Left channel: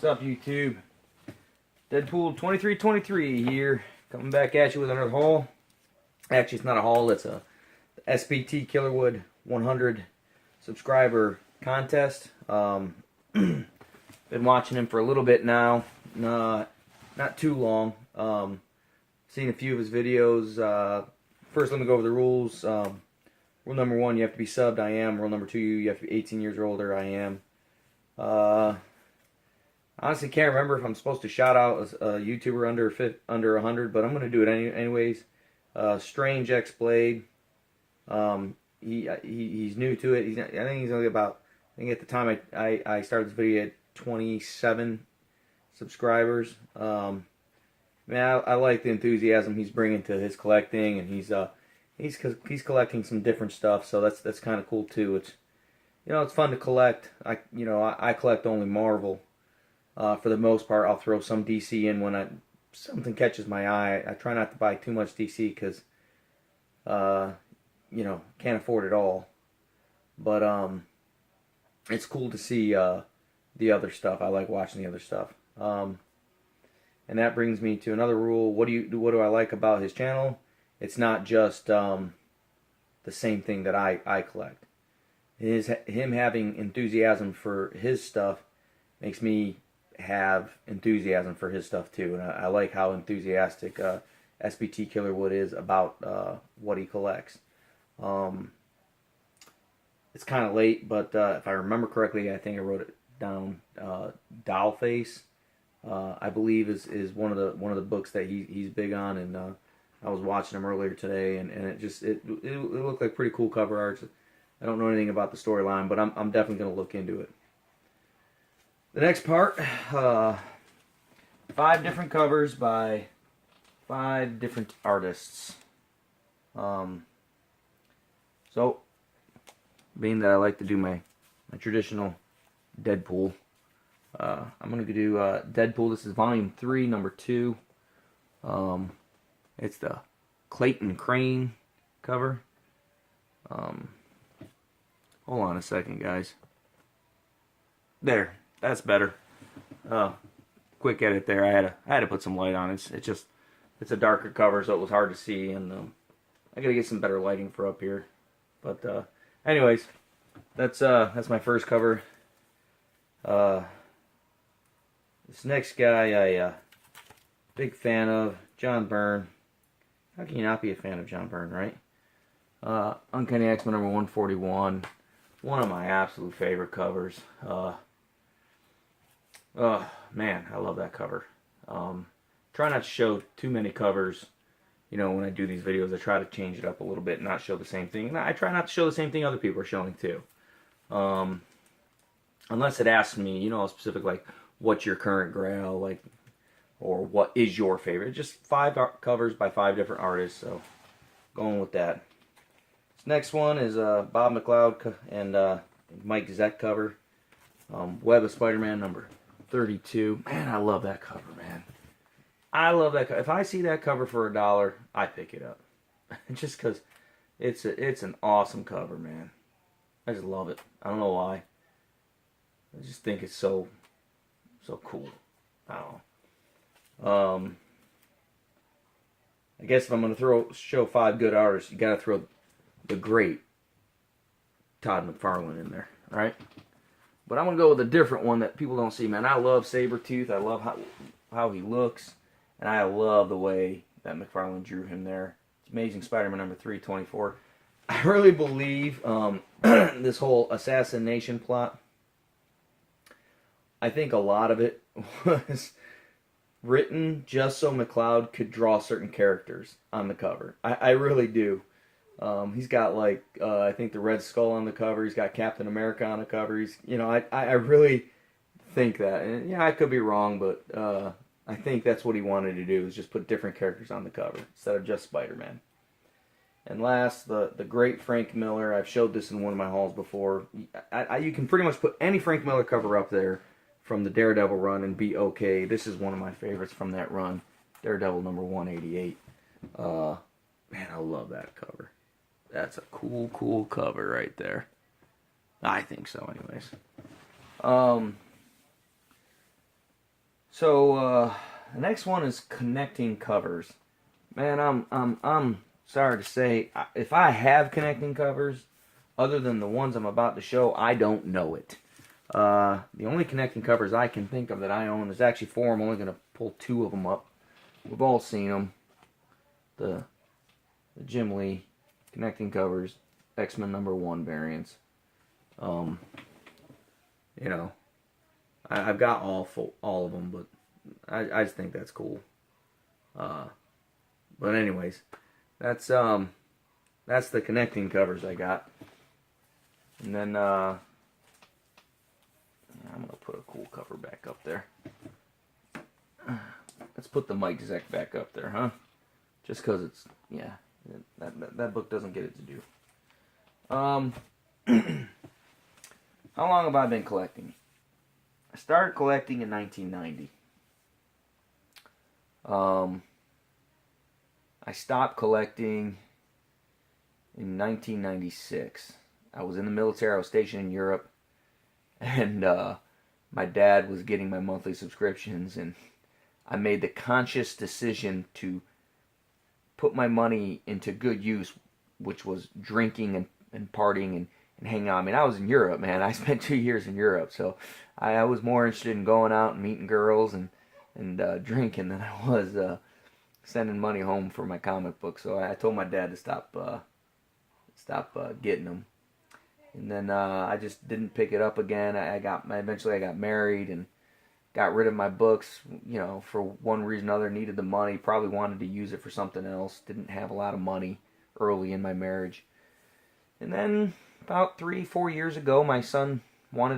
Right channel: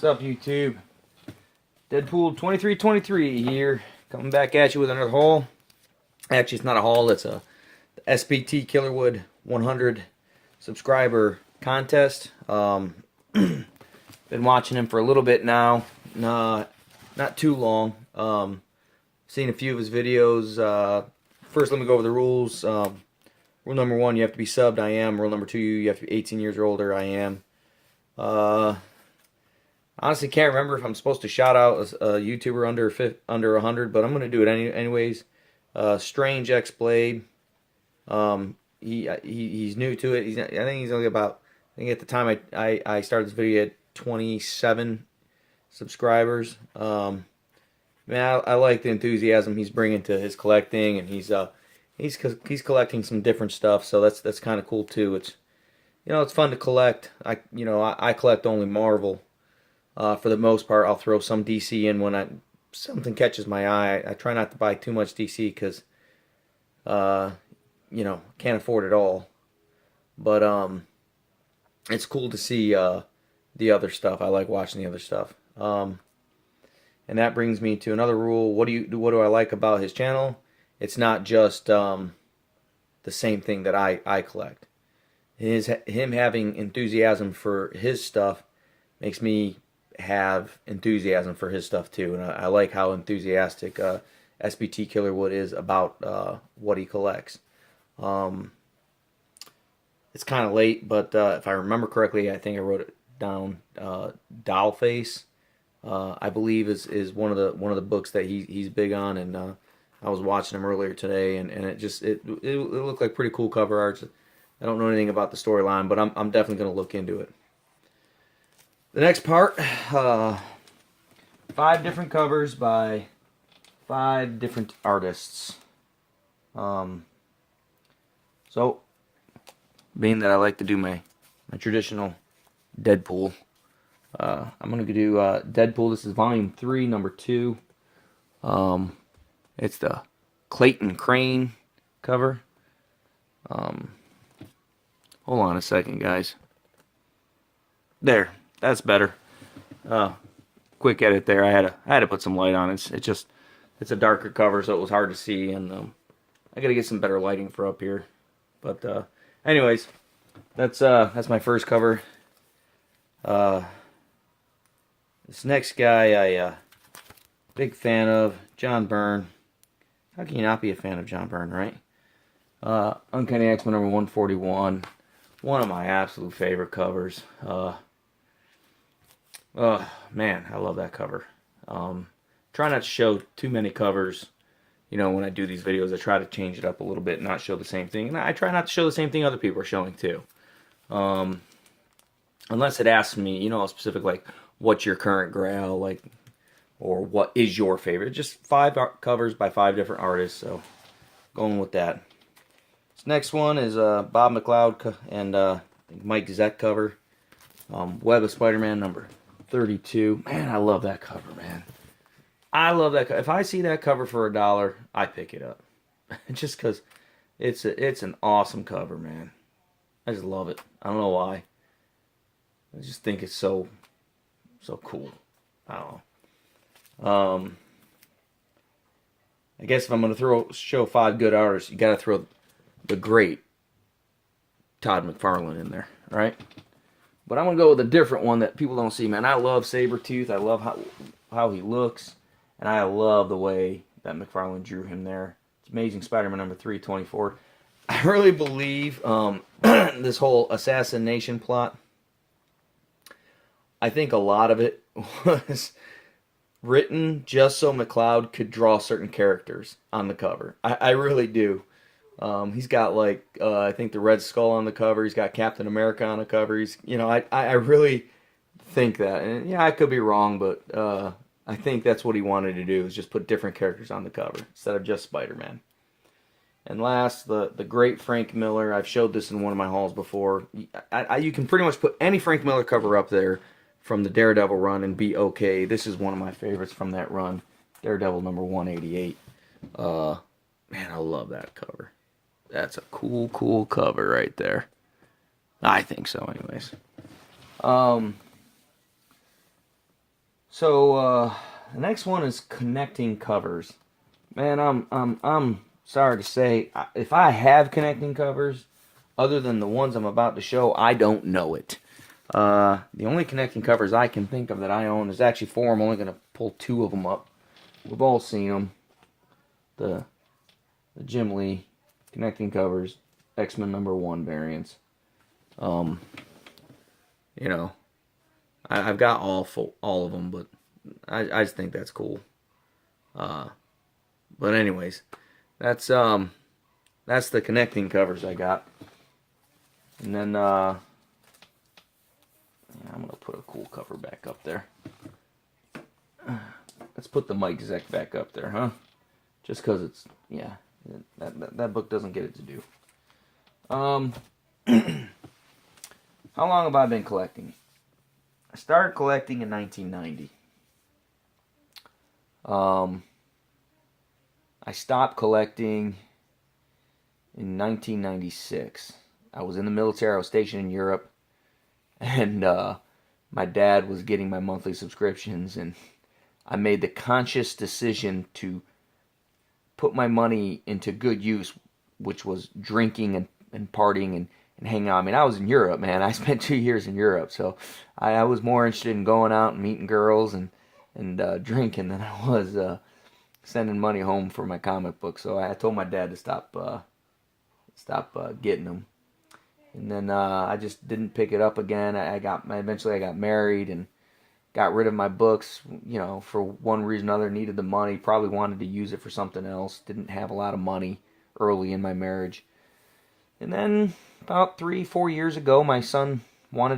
What's up, YouTube? Deadpool 2323 here, coming back at you with another haul. Actually, it's not a haul, it's a SPT Killerwood 100 subscriber contest. Been watching him for a little bit now, not too long. Seen a few of his videos. First, let me go over the rules. Rule number 1, you have to be subbed. I am. Rule number 2, you have to be 18 years or older. I am. Honestly, can't remember if I'm supposed to shout out a YouTuber under 100, but I'm going to do it anyways. StrangexBlade. He's new to it. I think he's only about, I think at the time I started this video at 27 subscribers. Man, I like the enthusiasm he's bringing to his collecting, and he's collecting some different stuff, so that's kind of cool too. It's, it's fun to collect. I collect only Marvel. For the most part, I'll throw some DC in when something catches my eye. I try not to buy too much DC because, can't afford it all. But it's cool to see the other stuff. I like watching the other stuff. And that brings me to another rule. What do I like about his channel? It's not just the same thing that I collect. Him having enthusiasm for his stuff makes me have enthusiasm for his stuff too, and I like how enthusiastic SPT Killerwood is about what he collects. It's kind of late, but if I remember correctly, I think I wrote it down. Dollface, I believe, is one of the books that he's big on, and I was watching him earlier today, and it looked like pretty cool cover art. I don't know anything about the storyline, but I'm definitely going to look into it. The next part, 5 different covers by 5 different artists. So, being that I like to do my traditional Deadpool, I'm going to do Deadpool. This is volume 3, number 2. It's the Clayton Crane cover. Hold on a second, guys. There. That's better. Quick edit there. I had to put some light on it. It's a darker cover, so it was hard to see, and I gotta get some better lighting for up here. But anyways, that's my first cover. This next guy, big fan of, John Byrne. How can you not be a fan of John Byrne, right? Uncanny X-Men number 141. One of my absolute favorite covers. Man, I love that cover. Try not to show too many covers. When I do these videos, I try to change it up a little bit and not show the same thing. And I try not to show the same thing other people are showing too. Unless it asks me, a specific, like, what's your current grail, like, or what is your favorite. Just 5 covers by 5 different artists, so going with that. This next one is Bob McLeod and Mike Zeck cover. Web of Spider-Man number 32. Man, I love that cover, man. I love that cover. If I see that cover for $1, I pick it up. Just because it's an awesome cover, man. I just love it. I don't know why. I just think it's so cool. I don't know. I guess if I'm going to show 5 good artists, you got to throw the great Todd McFarlane in there, right? But I'm going to go with a different one that people don't see, man. I love Sabretooth. I love how he looks. And I love the way that McFarlane drew him there. It's Amazing Spider-Man number 324. I really believe this whole assassination plot, I think a lot of it was written just so McLeod could draw certain characters on the cover. I really do. He's got, like, I think the Red Skull on the cover. He's got Captain America on the cover. I really think that. And yeah, I could be wrong, but I think that's what he wanted to do, is just put different characters on the cover instead of just Spider-Man. And last, the great Frank Miller. I've showed this in one of my hauls before. You can pretty much put any Frank Miller cover up there from the Daredevil run and be okay. This is one of my favorites from that run. Daredevil number 188. Man, I love that cover. That's a cool cover right there. I think so, anyways. So the next one is connecting covers. Man, I'm sorry to say, if I have connecting covers, other than the ones I'm about to show, I don't know it. The only connecting covers I can think of that I own is actually four. I'm only going to pull two of them up. We've all seen them. The Jim Lee connecting covers, X-Men #1 variants. Um, you know, I've got all of them, but I just think that's cool. But anyways, that's the connecting covers I got. And then yeah, I'm gonna put a cool cover back up there. Let's put the Mike Zeck back up there, huh? Just because it's, yeah, that book doesn't get it to do. How long have I been collecting? I started collecting in 1990. I stopped collecting in 1996. I was in the military. I was stationed in Europe, and my dad was getting my monthly subscriptions, and I made the conscious decision to put my money into good use, which was drinking and partying and hanging out. I mean, I was in Europe, man. I spent 2 years in Europe, so I was more interested in going out and meeting girls and drinking than I was sending money home for my comic book. So I told my dad to stop getting them. And then I just didn't pick it up again. Eventually I got married and got rid of my books, you know, for one reason or another. Needed the money, probably wanted to use it for something else. Didn't have a lot of money early in my marriage. And then about 3-4 years ago, my son he's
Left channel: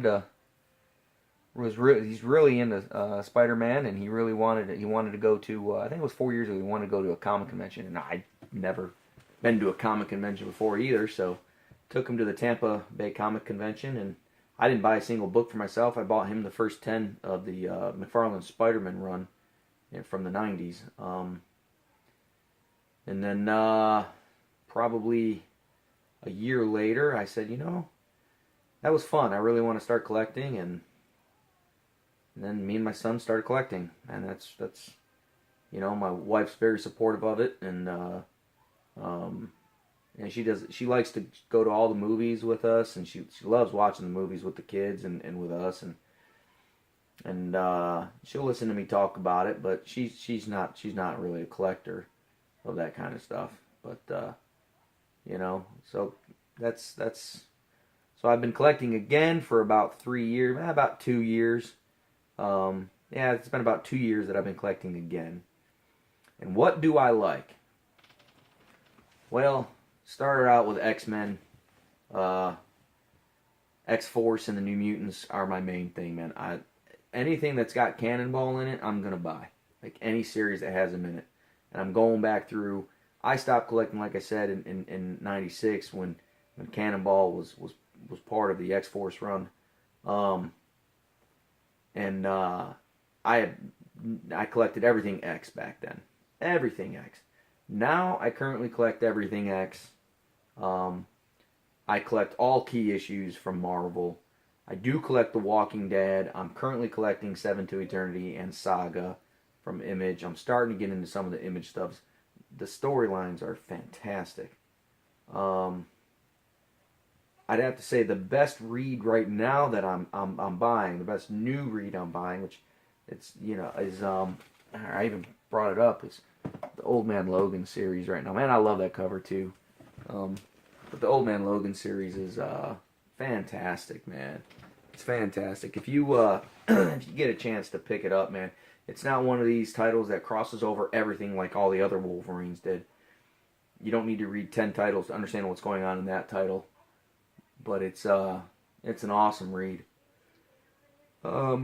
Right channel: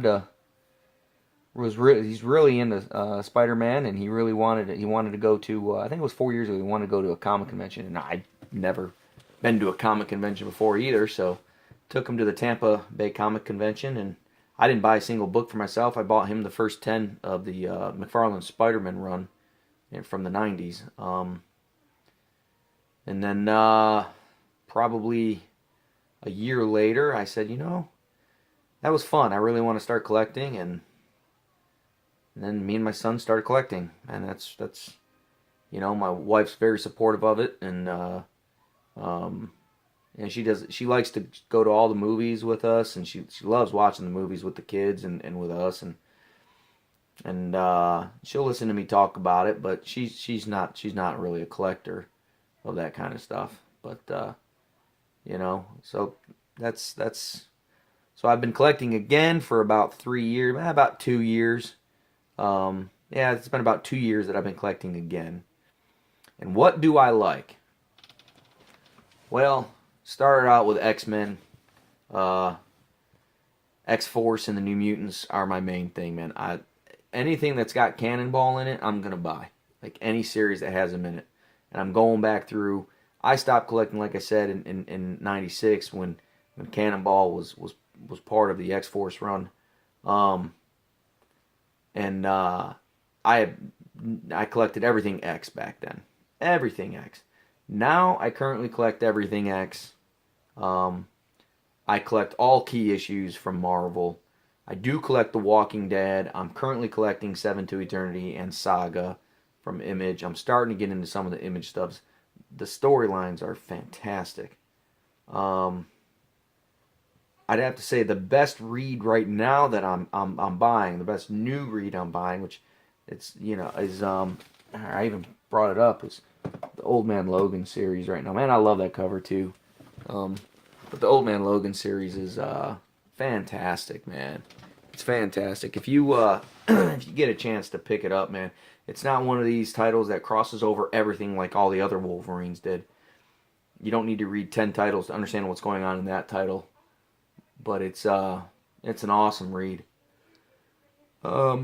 really into Spider-Man, and he wanted to go to, I think it was 4 years ago, he wanted to go to a comic convention, and I'd never been to a comic convention before either, so took him to the Tampa Bay Comic Convention, and I didn't buy a single book for myself. I bought him the first 10 of the McFarlane Spider-Man run from the 90s. And then probably a year later, I said, that was fun. I really want to start collecting, and then me and my son started collecting, and that's my wife's very supportive of it, and she likes to go to all the movies with us, and she loves watching the movies with the kids and with us, and she'll listen to me talk about it, but she's not really a collector of that kind of stuff, but so that's so I've been collecting again for about 3 years, about 2 years. Yeah, it's been about 2 years that I've been collecting again. And what do I like? Well, started out with X-Men. X-Force and the New Mutants are my main thing, man. Anything that's got Cannonball in it, I'm going to buy. Like any series that has him in it. And I'm going back through. I stopped collecting, like I said, in 96 when Cannonball was part of the X-Force run. And I collected everything X back then. Everything X. Now I currently collect everything X. I collect all key issues from Marvel. I do collect The Walking Dead. I'm currently collecting Seven to Eternity and Saga from Image. I'm starting to get into some of the Image stuffs. The storylines are fantastic. I'd have to say the best read right now that I'm buying, the best new read I'm buying, which is I even brought it up, is the Old Man Logan series right now. Man, I love that cover too. But the Old Man Logan series is fantastic, man. It's fantastic. If you if you get a chance to pick it up, man, it's not one of these titles that crosses over everything like all the other Wolverines did. You don't need to read 10 titles to understand what's going on in that title. But it's an awesome read. I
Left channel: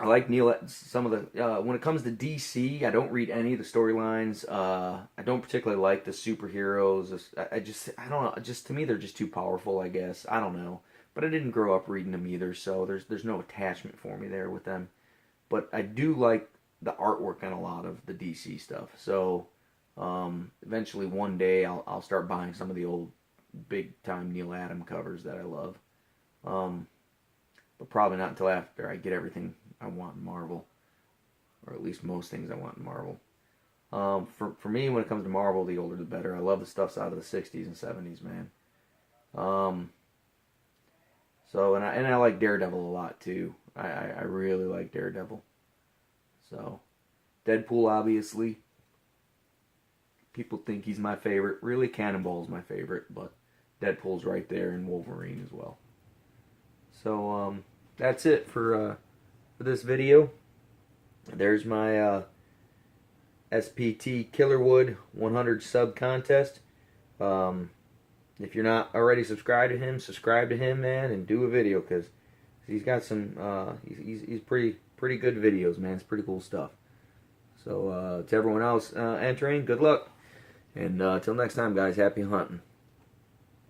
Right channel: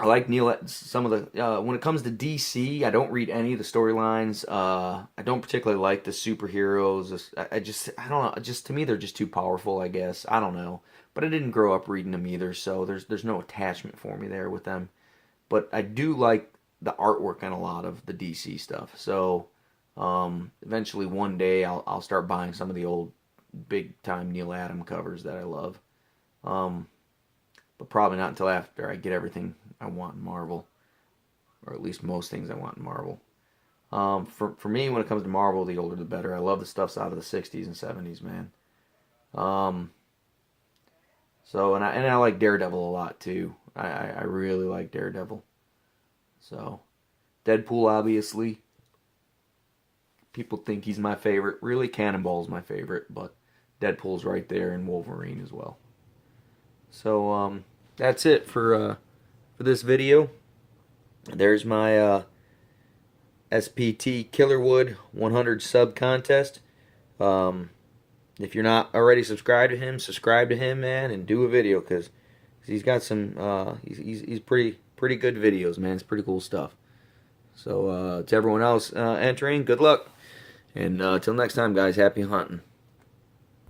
like some of the when it comes to DC, I don't read any of the storylines. I don't particularly like the superheroes. I don't know. Just to me, they're just too powerful, I guess. I don't know. But I didn't grow up reading them either, so there's no attachment for me there with them. But I do like the artwork on a lot of the DC stuff. So eventually one day I'll start buying some of the old big time Neil Adams covers that I love. but probably not until after I get everything I want in Marvel, or at least most things I want in Marvel. For me, when it comes to Marvel, the older the better. I love the stuffs out of the '60s and '70s, man. Um, and I like Daredevil a lot too. I really like Daredevil. So Deadpool, obviously, people think he's my favorite. Really, Cannonball's my favorite, but Deadpool's right there, and Wolverine as well. So that's it for this video. There's my SPT Killerwood 100 sub contest. If you're not already subscribed to him, man, and do a video because he's got some. He's pretty good videos, man. It's pretty cool stuff. So to everyone else entering, good luck, and till next time, guys. Happy hunting.